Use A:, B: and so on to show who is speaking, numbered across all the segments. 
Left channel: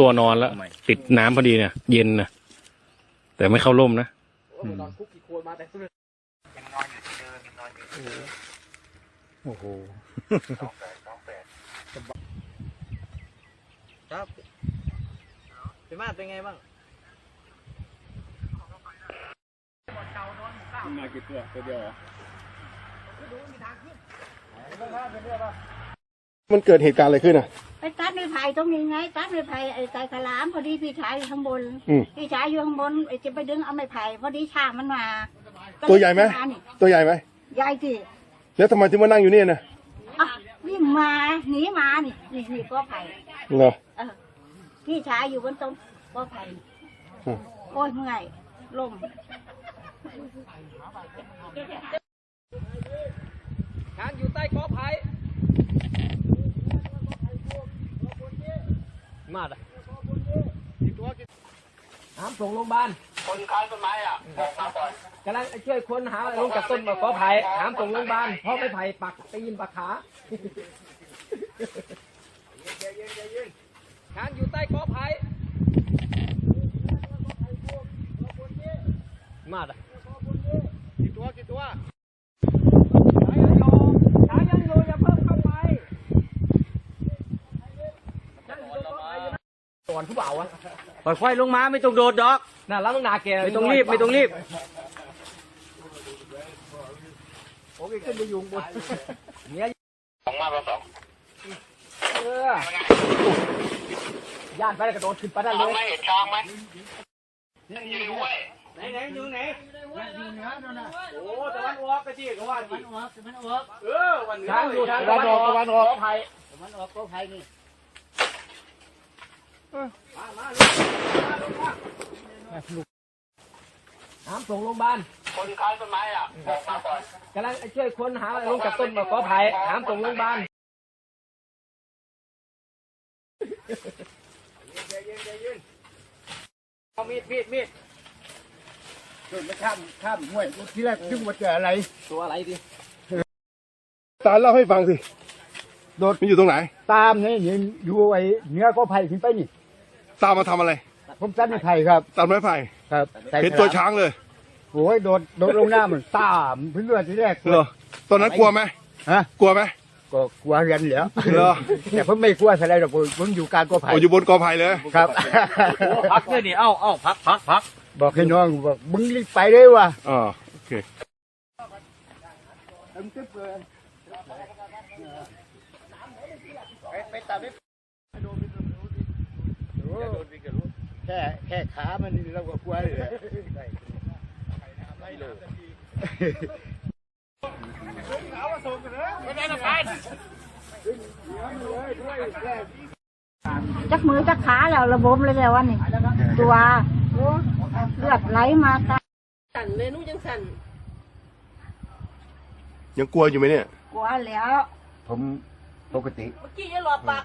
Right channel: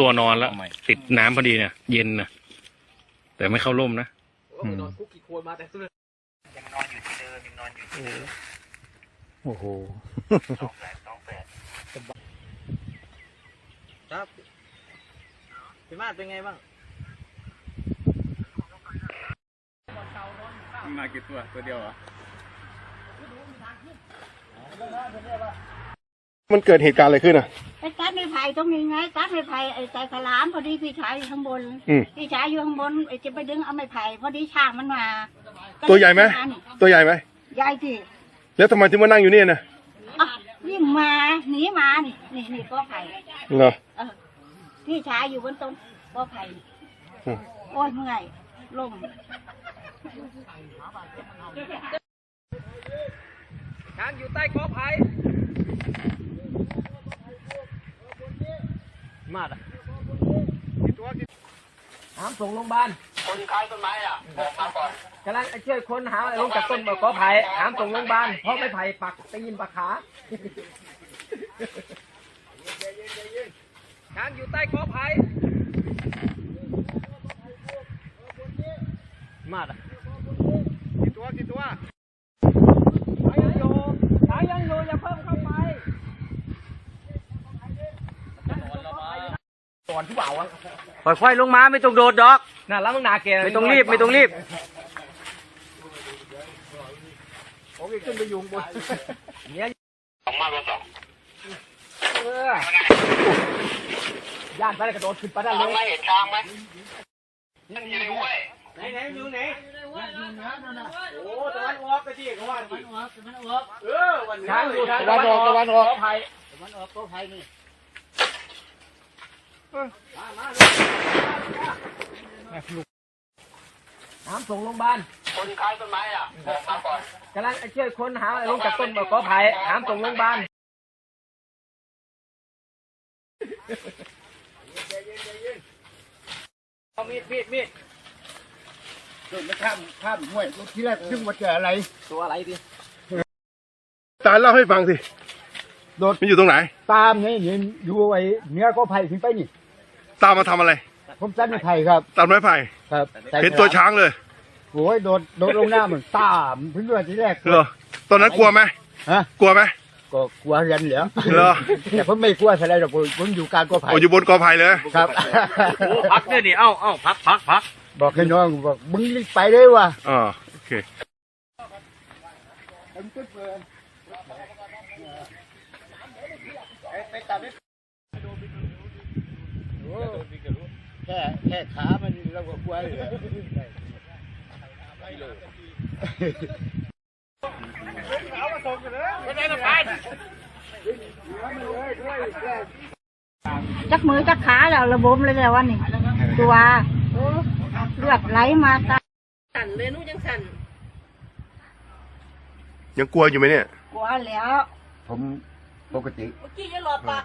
A: ตัวนอนแล้วติดน้ำพอดีเนี่ย เย็นนะแต่ไม่เข้าร่มนะ
B: โอ้ยนอนคุกกี่โคนมาแต่เสื้อ
C: ยังนอนอยู่ที่เดิมยังนอนอยู่ที่เดิม
A: โอ้โห
B: ครับเป็นมาเป็นไงบ้าง
A: มากี่ตัวตัวเดียวอะมันเกิดเหตุการณ์อะไรขึ้นอะ
D: ไปตัดไม้ไผ่ตรงนี้ไง ตัดไม้ไผ่ไอ้ใส่ขลามพอดีพี่ชายอยู่ข้างบน
A: อืม
D: พี่ชายอยู่ข้างบนไอ้จะไปดึงเอาไม้ไผ่พอดีช่างมันมาก็เลย
A: ตัวใหญ่ไหมา
D: นี่
A: ตัวใหญ่ไหม
D: ใหญ่สิ
A: แล้วทำไมถึงมานั่งอยู่เนี่ยนะ
D: อะวิ่งมาหนีมานี่นี่นี่ก็ไผ่
A: เหรอ
D: เออพี่ชายอยู่บนต้นก็ไผ่นี่
A: อืม
D: โอ้ยเมื่อยลม
B: งานอยู่ใต้กอไผ่ มาดอะน้ำส่งโรงพยาบาล
C: คนค้างต้นไม้อะบอกมาก่อน
B: กำลังช่วยคนหาลงจากต้นกอไผ่น้ำส่งโรงพยาบาลเพราะไม่ไผ่ปักตีนปักขางานอยู่ใต้กอไผ่มาดอะกี่ตัวกี่ตัวยังอยู่ยังอยู่อย่าเพิ่งเข้าไปจะนอนแล้วมั้งนอนที่เบาอะ
E: ค่อยๆลงมาไม่ต้องโดดดอก
B: น่ารักนาเก
E: ไม่ต้องรีบไม่ต้องรีบ
B: ผมอีกขึ้นไปยุงบนเนี่ย
C: สองมากกว่าสอง
B: เออย่านไปกระโดดขึ้นไปได้เล
C: ช้าง
B: ย
C: ไหมเห็นช้างไหม
B: ไหนไหนอยู่ไหนอยู่เหนือนั่นน่ะโอ้ตะวันออกไปที่เขาว่าตะวันออกตะวันออกเออวันเหนืออยู่ทางตะวันออกตะวันออกไผ่ตะวันออกก็ไผ่นี่ มามาลูกมาลูกมาน้ำส่งโรงพยาบาล
C: คนค้างต้นไม้อะบอกมาก่อน
B: กำลังช่วยคนหาลงจากต้นกอไผ่น้ำส่งโรงพยาบาลเอามีดมีดมีด
E: ไม่ข้ามข้ามห้วยที่แรกยึงมาเจออะไร
B: ตัวอะไรดิ
A: ตาเล่าให้ฟังสิ
E: โดด
A: มันอยู่ตรงไหน
E: ตามนี่อยู่ไอ้เหนื้อก็ไผ่ขึ้นไปนี่
A: ตามมาทำอะไร
E: ผมตัดไม้ไผ่ครับ
A: ตัดไม้ไผ่
E: ครับใส่
A: เห็นตัวช้างเลย
E: โอ้ยโดดโดดลงน้ำมันตามเพื่อนที่แรก
A: เหรอตอนนั้นกลัวไหม
E: ฮะ
A: กลัวไหม
E: ก็กลัวเรียนเหรอ
A: เหรอ
E: แต่ผมไม่กลัวอะไรหรอกผมผมอยู่กลารก็ไผ่
A: โอ้อยู่บนกอไผ่เลย
E: ครับ
B: พักเนี่ยนี่เอ้าเอ้าพักพักพัก
E: บอกให้น้องบอกมึงรีบไปเลยว่ะ
A: อ่าโอเค
E: แค่แค่ขามันนี่เราก็กลัวเลยแหละ
D: จักมือจักขาแล้วระบมเลยแล้ววันนี้ตัวโอ้เลือดไหลมาตา
F: สั่นเลยหนูยังสั่น
A: ยังกลัวอยู่ไหมเนี่ย
D: กลัวแล้ว
E: ผมปกติ
F: เมื่อกี้ยังหลอกปาก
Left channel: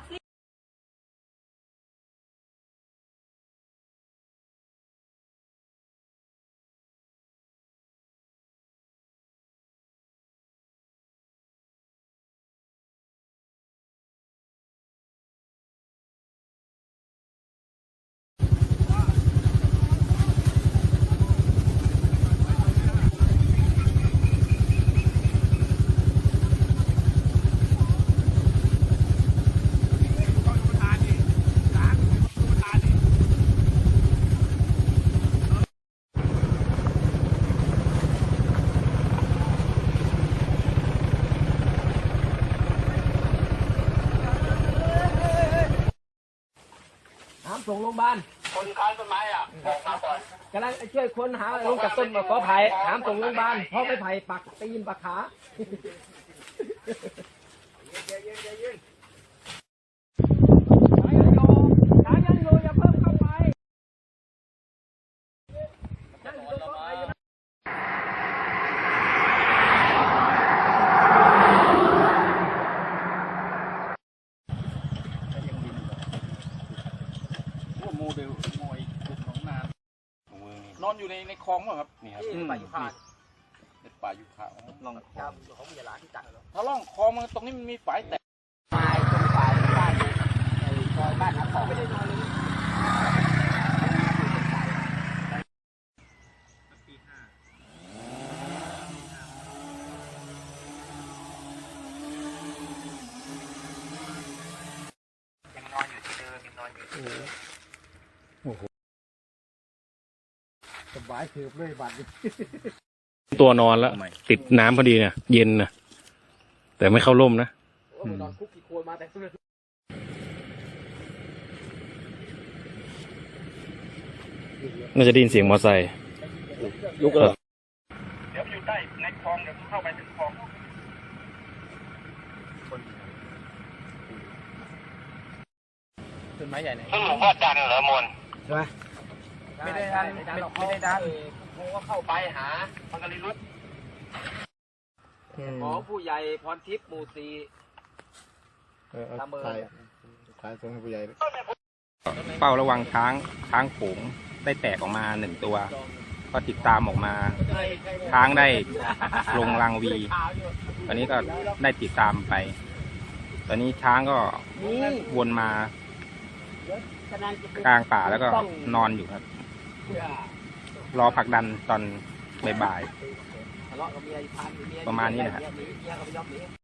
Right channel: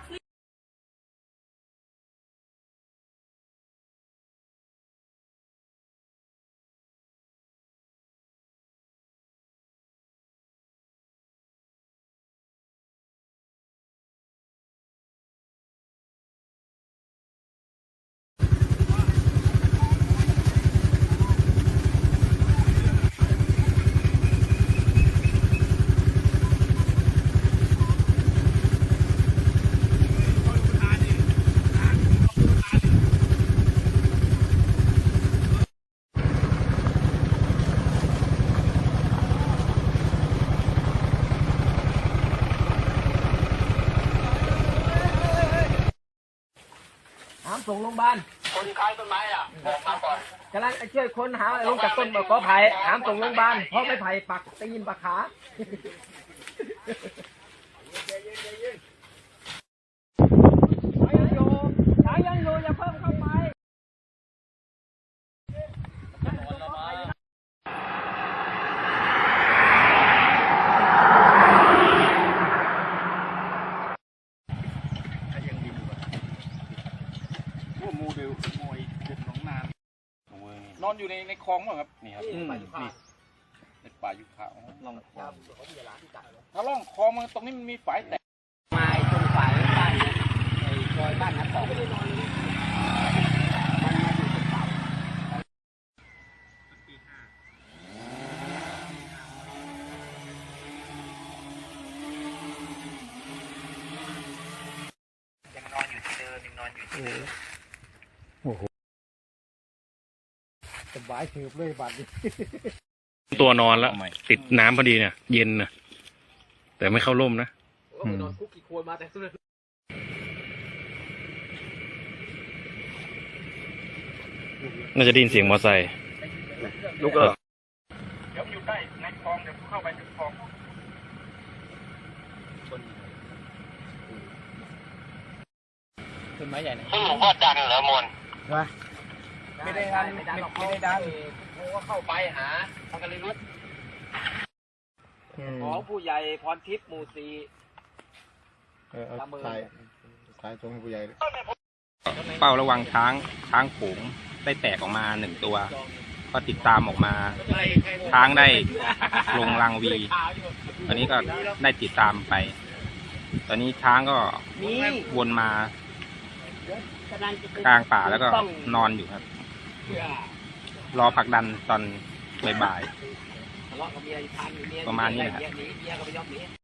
F: สิ
B: น้ำส่งโรงพยาบาล
C: คนค้างต้นไม้อะบอกมาก่อน
B: กำลังช่วยคนหาลงจากต้นกอไผ่น้ำส่งโรงพยาบาลเพราะไม่ไผ่ปักตีนปักขา
G: น นอนอยู่ในในคลองเหรอครับนี่ครับ
B: อืม นี่
G: ในป่ายุคาอ๋อลองคลองถ้าล่องคลองมันตรงนี้มันมีฝายแตกยังนอนอยู่ที่เดิมยังนอนอยู่ที่เดิม โอ้โห
H: สบายถือเลยบัตรนี้
I: ตัวนอนแล้ว ติดน้ำพอดีเนี่ยเย็นนะแต่ไม่เข้าร่มนะ
G: นอนคุกกี่โคนมาแต่สุด
I: น่าจะได้ยินเสียงมอไซค์
G: ลุกเลย
E: เดี๋ยวอยู่ใต้ในคลองเดี๋ยวเข้าไปถึงคลอง
G: ต้นไม้ใหญ่เลย
E: ซึ่งหลวงพ่อจันทร์เหรอมน
G: ไม่ได้ดันไม่ไม่ได้ดันกูก็เข้าไปหาพังกะลิรุตของผู้ใหญ่พรทิพย์หมู่สี่
H: เออเอาถ่ายถ่ายตรงให้ผู้ใหญ่
J: เฝ้าระวังช้างช้างโขงได้แตกออกมาหนึ่งตัว ก็ติดตามออกมา ช้างได้ลงรังวี ตอนนี้ก็ได้ติดตามไป ตอนนี้ช้างก็วนมากลางป่าแล้วก็นอนอยู่ครับ รอผลักดันตอนบ่ายๆประมาณนี้นะครับ